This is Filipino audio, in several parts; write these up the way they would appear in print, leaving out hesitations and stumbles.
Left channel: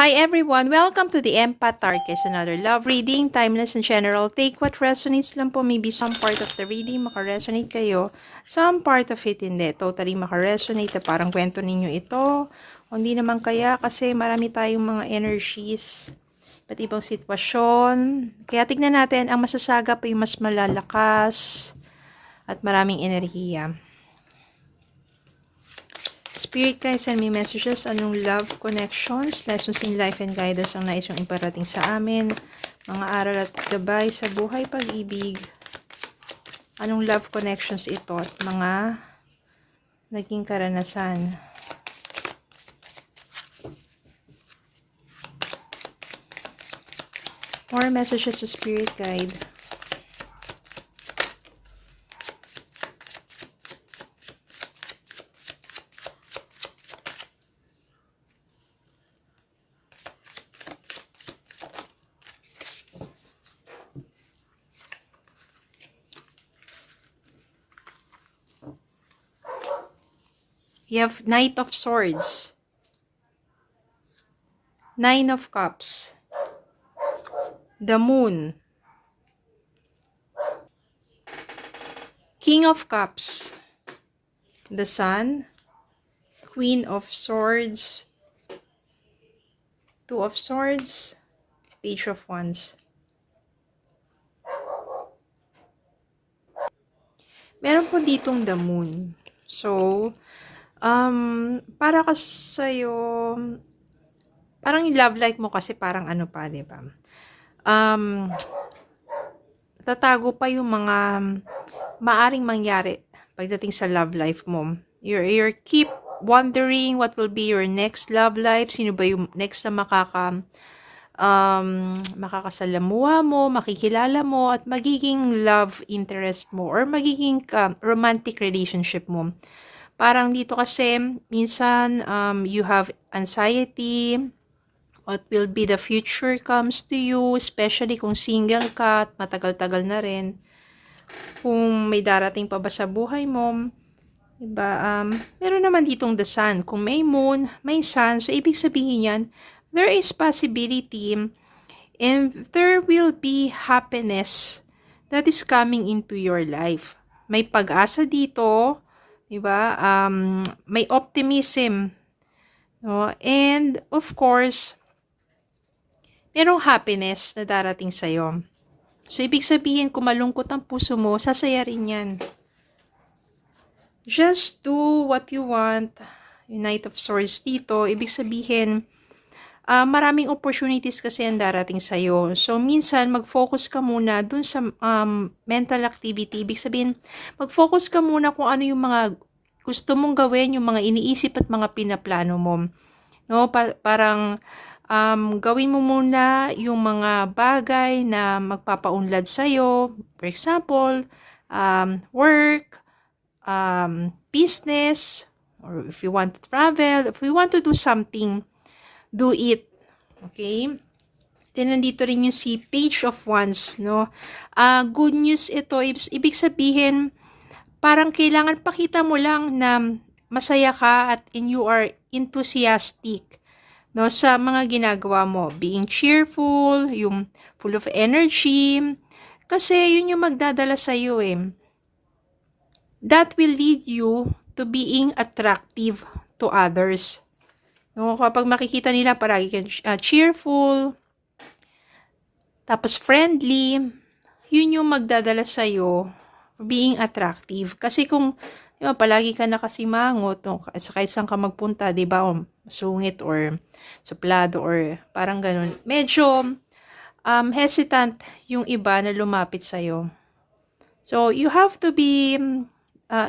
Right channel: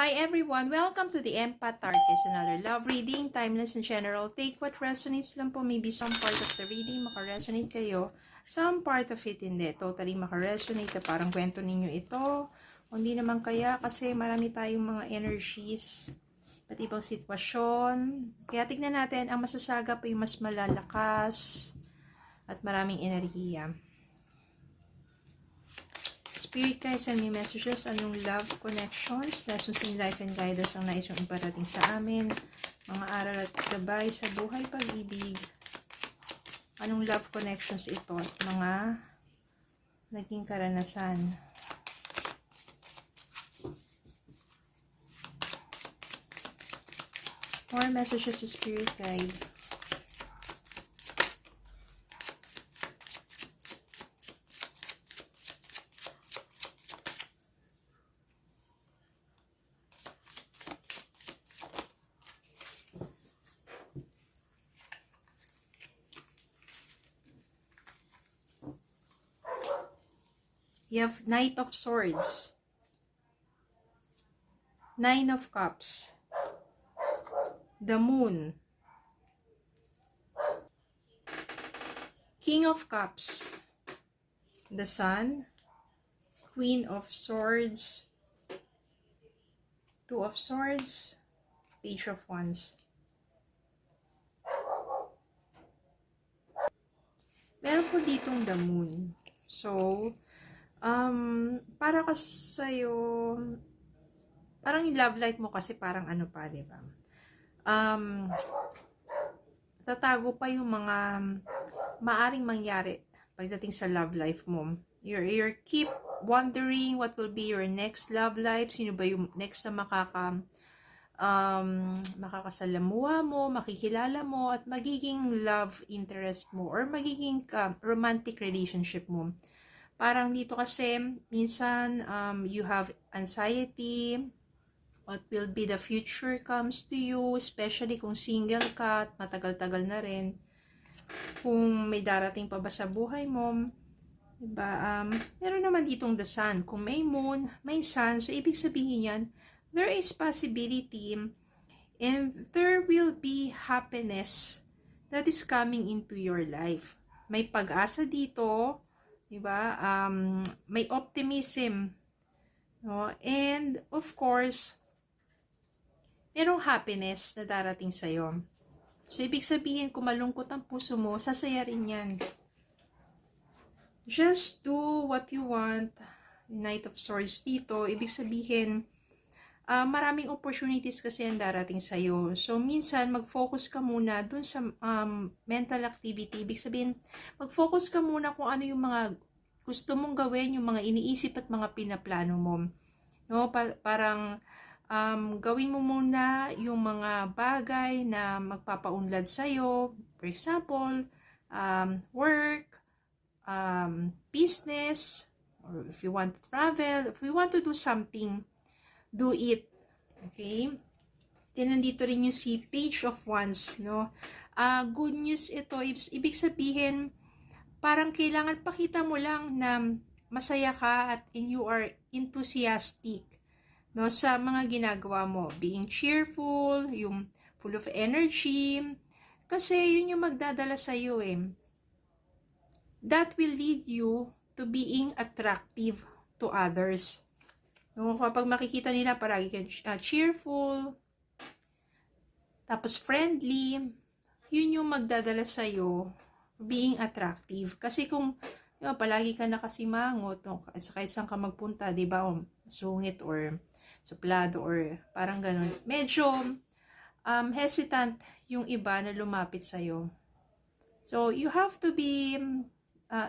Hi everyone! Welcome to the Empath Tarkis, another love reading, timeless and general. Take what resonates lang po. Maybe some part of the reading makaresonate kayo. Some part of it hindi. Totally makaresonate na parang kwento ninyo ito. O hindi naman kaya kasi marami tayong mga energies. Iba't ibang sitwasyon. Kaya tignan natin, ang masasaga pa yung mas malalakas at maraming enerhiya. Spirit guys, send me messages. Anong love connections, lessons in life and guidance ang nais yung iparating sa amin? Mga aral at gabay sa buhay, pag-ibig. Anong love connections ito at mga naging karanasan? More messages to spirit guide. You have Knight of Swords, Nine of Cups, the Moon, King of Cups, the Sun, Queen of Swords, Two of Swords, Page of Wands. Meron po ditong the Moon. So, para kasi sa'yo, parang yung love life mo kasi parang ano pa, di ba? Tatago pa yung mga maaring mangyari pagdating sa love life mo. You're keep wondering what will be your next love life. Sino ba yung next na makakasalamuha mo, makikilala mo, at magiging love interest mo or magiging romantic relationship mo. Parang dito kasi, minsan, you have anxiety, what will be the future comes to you, especially kung single ka at matagal-tagal na rin. Kung may darating pa ba sa buhay mo, diba? Meron naman ditong the sun. Kung may moon, may sun, so ibig sabihin yan, there is possibility and there will be happiness that is coming into your life. May pag-asa dito, diba? May optimism. No? And, of course, merong happiness na darating sa'yo. So, ibig sabihin, kung malungkot ang puso mo, sasaya rin yan. Just do what you want. Knight of Swords dito, ibig sabihin, maraming opportunities kasi ang darating sa'yo. So, minsan, mag-focus ka muna dun sa mental activity. Ibig sabihin, mag-focus ka muna kung ano yung mga gusto mong gawin, yung mga iniisip at mga pinaplano mo. No? Parang, gawin mo muna yung mga bagay na magpapaunlad sa'yo. For example, work, business, or if you want to travel, if you want to do something, do it. Okay? Then, nandito rin yung si Page of Wands, no? Good news ito. Ibig sabihin, parang kailangan pakita mo lang na masaya ka at you are enthusiastic, no, sa mga ginagawa mo. Being cheerful, yung full of energy. Kasi yun yung magdadala sa iyo eh. That will lead you to being attractive to others. No, kapag makikita nila paragi kang cheerful, tapos friendly, yun yung magdadala sa'yo being attractive. Kasi kung diba, palagi ka nakasimangot, no, sa saan ka magpunta, di ba, sungit or suplado or parang ganun. Medyo hesitant yung iba na lumapit sa'yo. So, you have to be,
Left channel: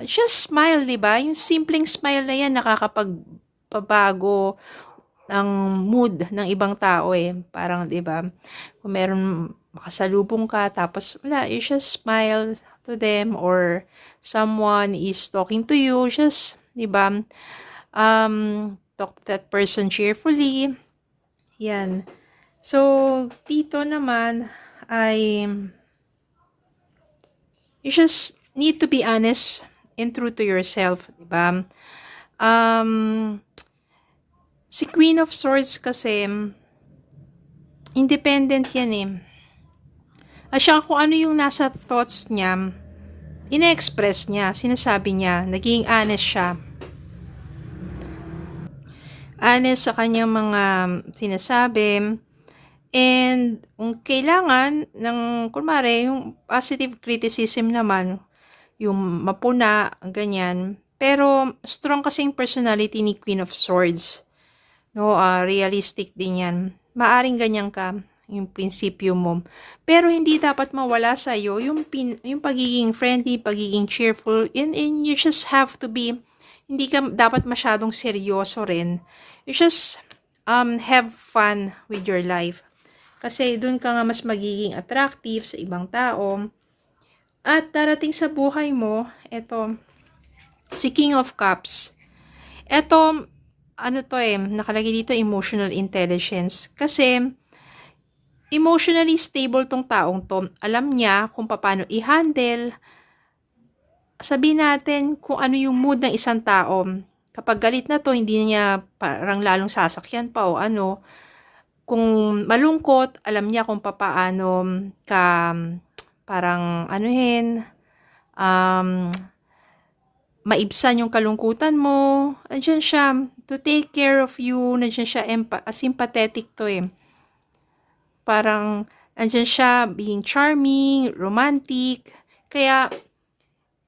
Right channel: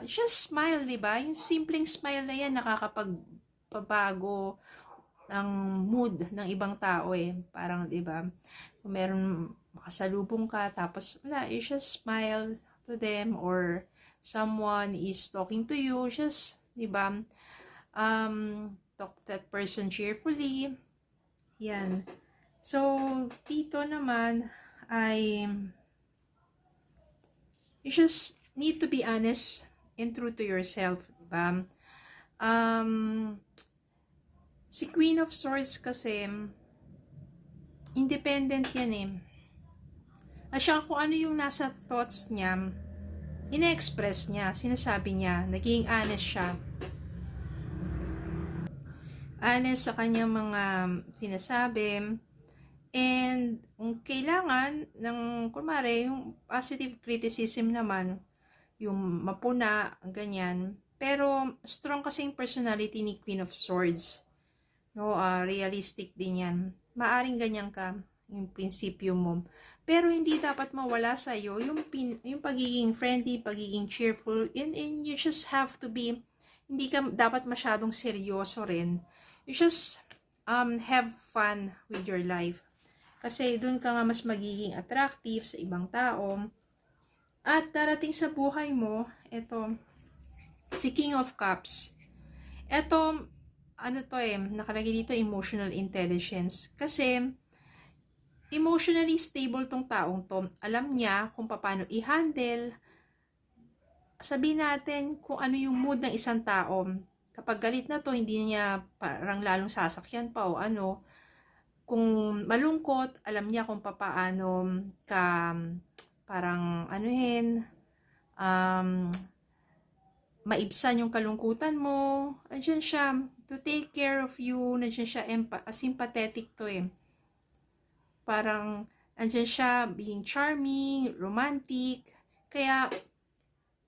just smile, di ba? Yung simpleng smile na yan, nakakapagpabago ang mood ng ibang tao eh. Parang, di ba? Kung meron makasalubong ka, tapos wala, you just smile to them or someone is talking to you, just, di ba? Talk to that person cheerfully. Yan. So, dito naman ay you just need to be honest and true to yourself, di ba? Si Queen of Swords kasi, Independent yan eh. At saka kung ano yung nasa thoughts niya, ina-express niya, sinasabi niya, naging honest siya. Honest sa kanyang mga sinasabi. And kung kailangan ng, kunwari, yung positive criticism naman, yung mapuna, ganyan. Pero strong kasi yung personality ni Queen of Swords. No, realistic din yan. Maaring ganyan ka, yung prinsipyo mo. Pero hindi dapat mawala sa iyo yung pagiging friendly, pagiging cheerful, and you just have to be, hindi ka dapat masyadong seryoso rin. You just have fun with your life. Kasi dun ka nga mas magiging attractive sa ibang tao. At darating sa buhay mo, eto, si King of Cups. Eto, ano to nakalagay dito emotional intelligence. Kasi, emotionally stable tong taong to. Alam niya kung paano i-handle. Sabihin natin kung ano yung mood ng isang tao. Kapag galit na to, hindi niya parang lalong sasakyan pa o ano. Kung malungkot, alam niya kung paano ka parang maibsan yung kalungkutan mo. Andiyan siya to take care of you. Nandiyan siya sympathetic to Parang andiyan siya being charming, romantic. Kaya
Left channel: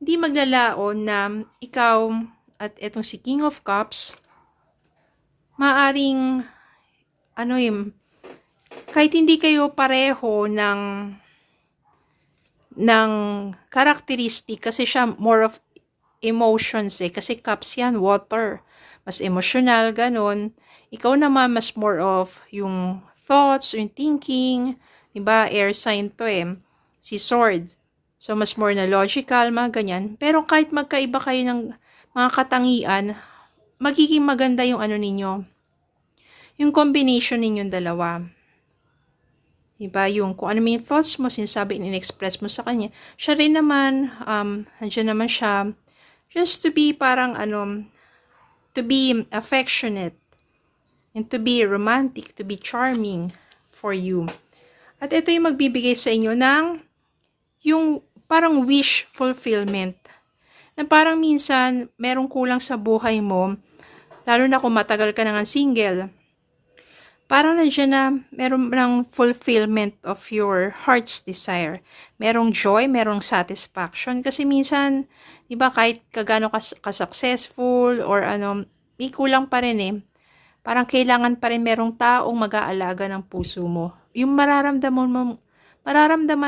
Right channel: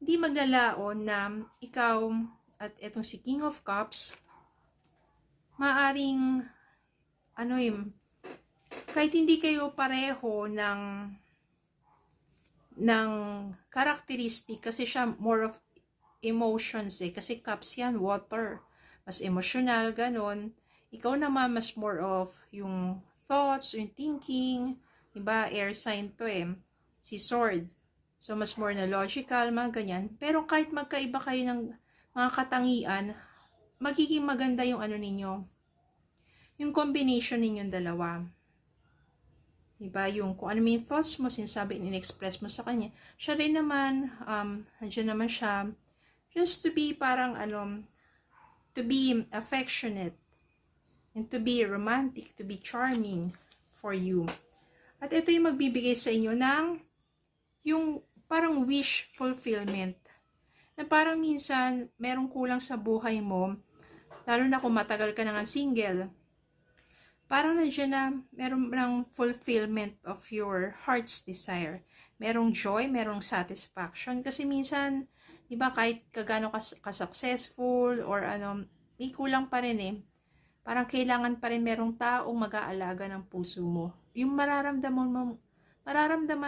hindi maglalaon na ikaw at etong si King of Cups maaring kahit hindi kayo pareho ng characteristic kasi siya more of emotions kasi cups yan, water. Mas emotional, ganun. Ikaw naman mas more of yung thoughts, yung thinking, diba? Air sign to si swords. So, mas more na logical, mga ganyan. Pero kahit magkaiba kayo ng mga katangian, magiging maganda yung ninyo. Yung combination ninyong dalawa. Diba? Yung kung ano yung thoughts mo, sinasabi, in-express mo sa kanya. Siya rin naman, nandiyan naman siya, just to be parang to be affectionate, and to be romantic, to be charming for you. At ito yung magbibigay sa inyo ng yung parang wish fulfillment. Na parang minsan, merong kulang sa buhay mo, lalo na kung matagal ka na nga single. Parang nandiyan na meron ng fulfillment of your heart's desire. Merong joy, merong satisfaction. Kasi minsan, di ba, kahit kagano ka-successful or may kulang pa rin Parang kailangan pa rin merong taong mag-aalaga ng puso mo. Yung mararamdaman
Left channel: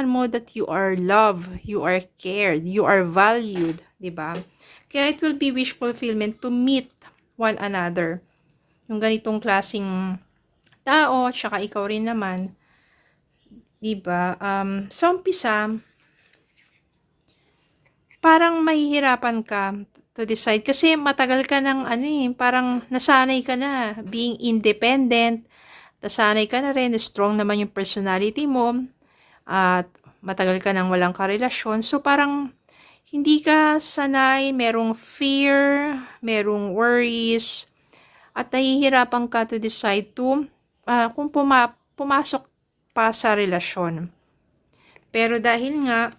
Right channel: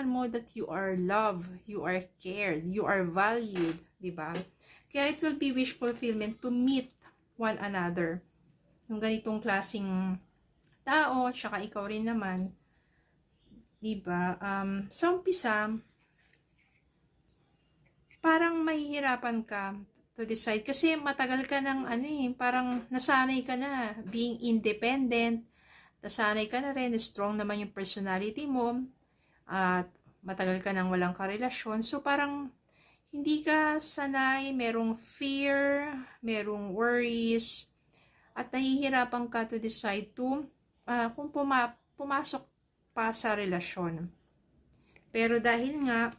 mo that you are loved, you are cared, you are valued, di ba? Kaya it will be wish fulfillment to meet one another. Yung ganitong klaseng tao, tsaka ikaw rin naman, diba? Sa umpisa, parang mahihirapan ka to decide kasi matagal ka ng parang nasanay ka na being independent, nasanay ka na rin, strong naman yung personality mo, at matagal ka nang walang karelasyon, so parang hindi ka sanay, merong fear, merong worries, at nahihirapan ka to decide to kung pumasok pa sa relasyon. Pero dahil nga,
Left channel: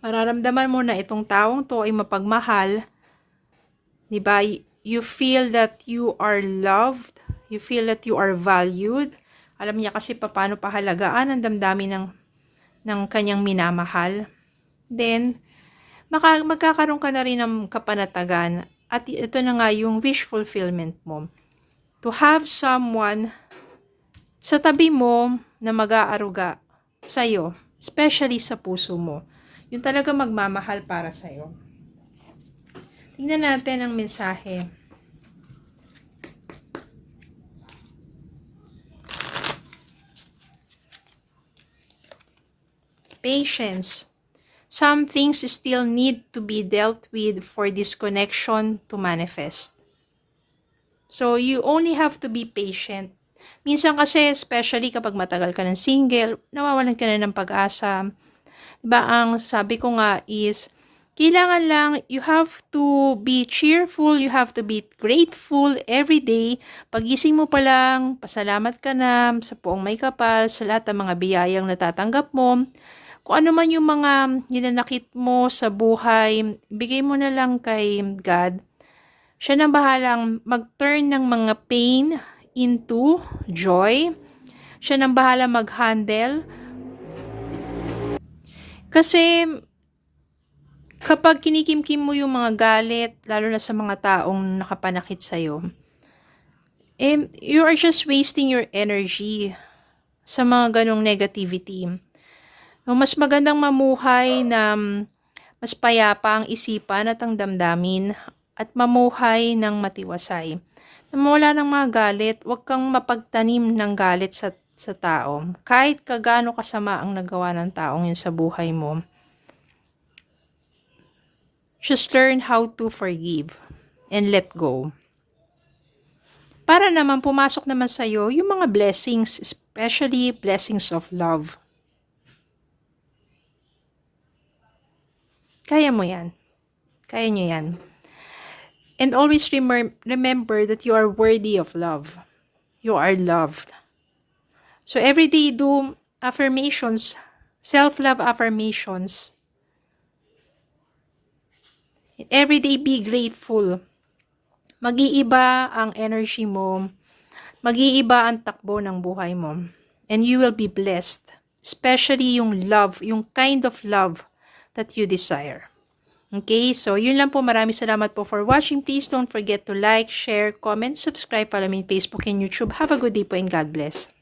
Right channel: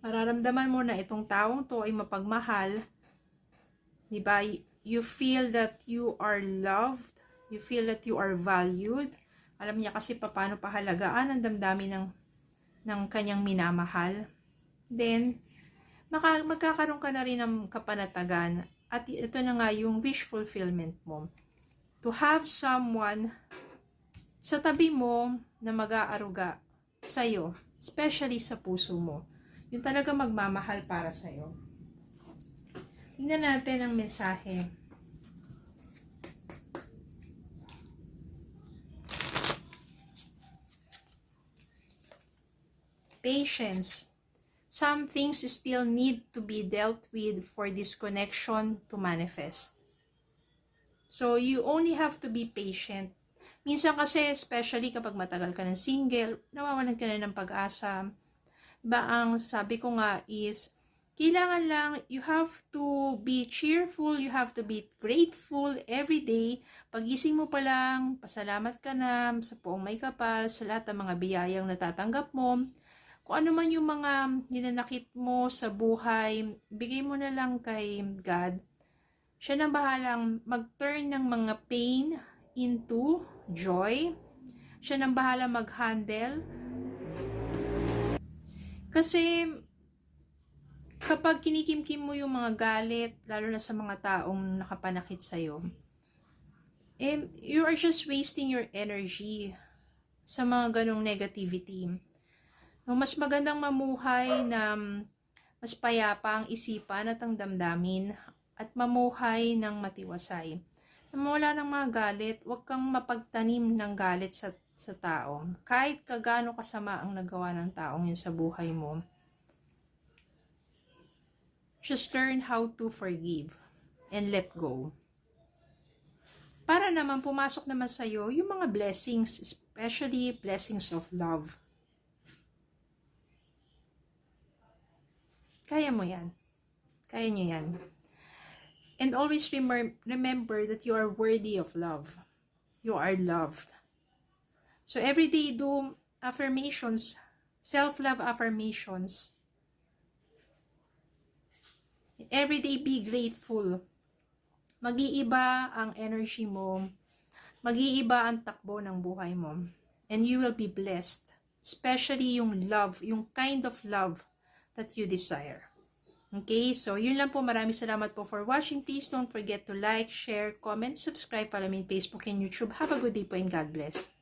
mararamdaman mo na itong taong to ay mapagmahal, diba? You feel that you are loved, you feel that you are valued. Alam niya kasi paano pahalagaan ang damdamin ng kanyang minamahal. Then, magkakaroon ka na rin ng kapanatagan. At ito na nga yung wish fulfillment mo. To have someone sa tabi mo na mag-aaruga sa'yo, especially sa puso mo. Yung talaga magmamahal para sa'yo. Tingnan natin ang mensahe. Patience. Some things still need to be dealt with for this connection to manifest. So, you only have to be patient. Minsan kasi, especially kapag matagal ka ng single, nawawalan ka na ng pag-asa. Diba, ang sabi ko nga is, Kailangan lang, you have to be cheerful, you have to be grateful every day. Pagising mo pa lang, pasalamat ka na sa puong may kapal, sa lahat ng mga biyayang natatanggap mo. Kung ano man yung mga hinanakit mo sa buhay, bigay mo na lang kay God. Siya na bahalang mag-turn ng mga pain into joy. Siya na bahala mag-handle. Kasi kapag kinikimkim mo yung mga galit, lalo na sa mga taong nakapanakit sa'yo, you are just wasting your energy sa mga ganong negativity. Mas magandang mamuhay na mas payapa ang isipan at ang damdamin at mamuhay ng matiwasay. Na wala ng mga galit, huwag kang mapagtanim ng galit sa tao. Kahit kagano kasama ang nagawa ng taong yun sa buhay mo. Just learn how to forgive and let go. Para naman pumasok naman sa'yo yung mga blessings, especially blessings of love. Kaya mo yan. Kaya nyo yan. And always remember that you are worthy of love. You are loved. So every day do affirmations, self-love affirmations. Every day be grateful. Mag-iiba ang energy mo. Mag-iiba ang takbo ng buhay mo. And you will be blessed. Especially yung love, yung kind of love that you desire. Okay, so yun lang po. Maraming salamat po for watching. Please don't forget to like, share, comment, subscribe, follow me on Facebook and YouTube. Have a good day po and God bless.